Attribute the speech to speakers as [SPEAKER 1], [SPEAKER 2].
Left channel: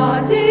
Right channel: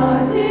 [SPEAKER 1] Ở 季